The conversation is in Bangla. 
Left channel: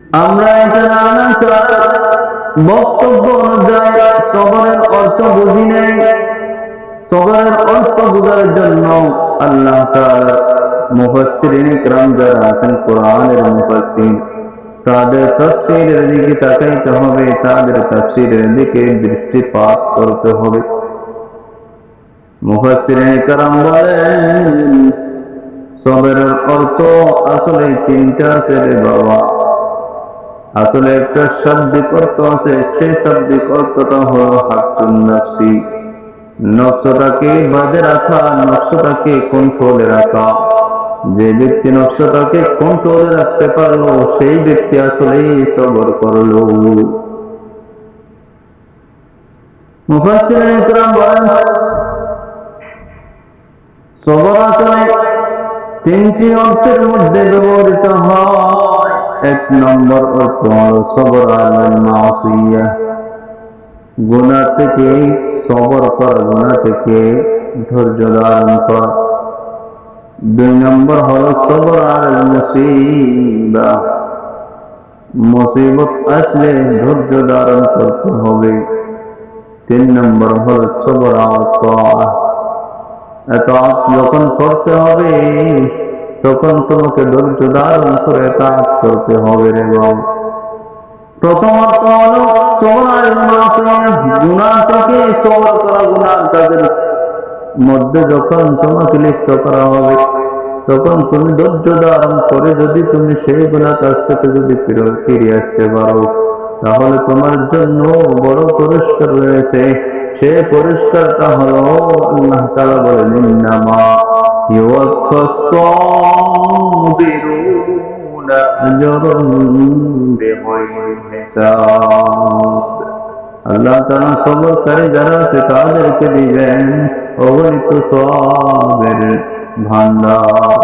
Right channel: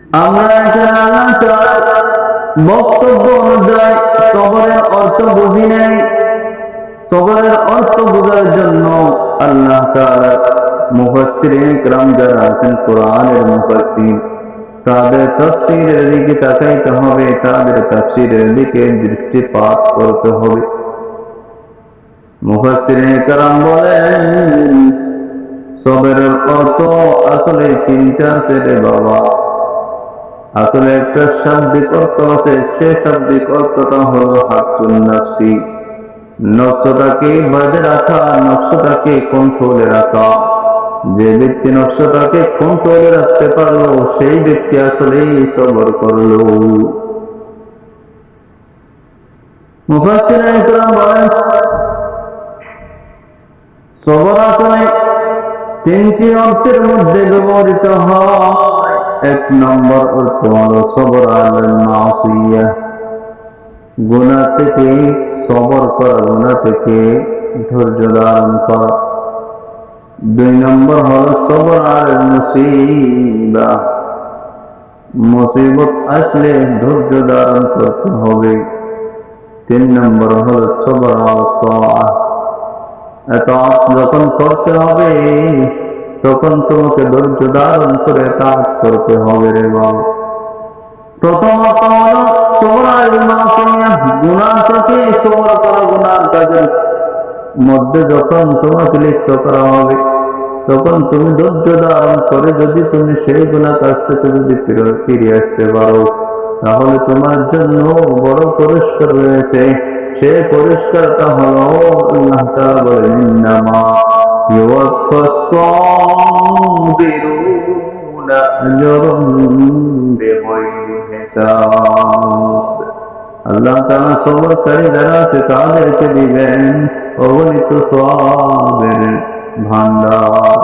আমরা এখানে আল্লাহ তাআলার বক্তব্য অনুযায়ী সবরের অর্থ বুঝি নাই। সবরের অর্থ বোঝার জন্য আল্লাহ তাআলার মুফাসসিরিন কিরাম যারা আছেন, কোরআনের মুফাসসির, তাদের তাফসীরের দিকে তাকাইতে হবে, তাদের তাফসীরের দিকে দৃষ্টিপাত করতে হবে। মুফাসসিরিন কিরাম বলেন, সবরের অর্থ আসলে তিনটা আছে রে বাবা। আসলে একটা শাব্দিক অর্থ আছে, সেই শাব্দিক অর্থটা হলো হাবসুন নাফসি, নফসটাকে বাঁধে রাখা, নফসটাকে কন্ট্রোলে রাখা। যে ব্যক্তি নফসটাকে কন্ট্রোলে রাখতে পারলো, সেই ব্যক্তি আসলেই সবর করলো। মুফাসসিরিন কিরাম বলেন, সবর আসলে তিনটি অর্থের মধ্যে ব্যবহৃত হয়। এক নম্বর অর্থ হলো সবর আলাল মাসিয়াহ, গুনাহ থেকে সবর করা, গুনাহ থেকে ধৈর্য ধারণ করা। দুই নম্বর হলো সবর আলাল মুসিবাহ, মুসিবত আসলে ধৈর্য ধারণ করতে হবে। তিন নম্বর হলো সবর আলা তাআহ, এতাআত যখন করতে হবে তখন তোমাকে ধৈর্য ধারণ করে এতাআত করতে হবে রে বাবা। প্রথমত হলো সবর আলাল মাসিয়াহ, গুনাহ থেকে সবর করা। গুনাহ কাজের মধ্যে যখন তোমাকে লিপ্ত করা হবে, তখন তুমি ধৈর্য ধারণ করে যদি তুমি সেই গুনাহ কাজ থেকে যদি ফিরে আসতে পারো, তাহলে তোমার জন্য বড় পুরস্কার রয়েছে। সেই পুরস্কারটা হলো আল্লাহ তাআলা বলেন, ইন্নামা ইউওয়াফাস সাবিরুনা আজরাহুম বিগাইরি হিসাব। আল্লাহ তাআলা সবরকারী যারা আছে তাদেরকে দিবেন অগণিত সওয়াবের ভান্ডার।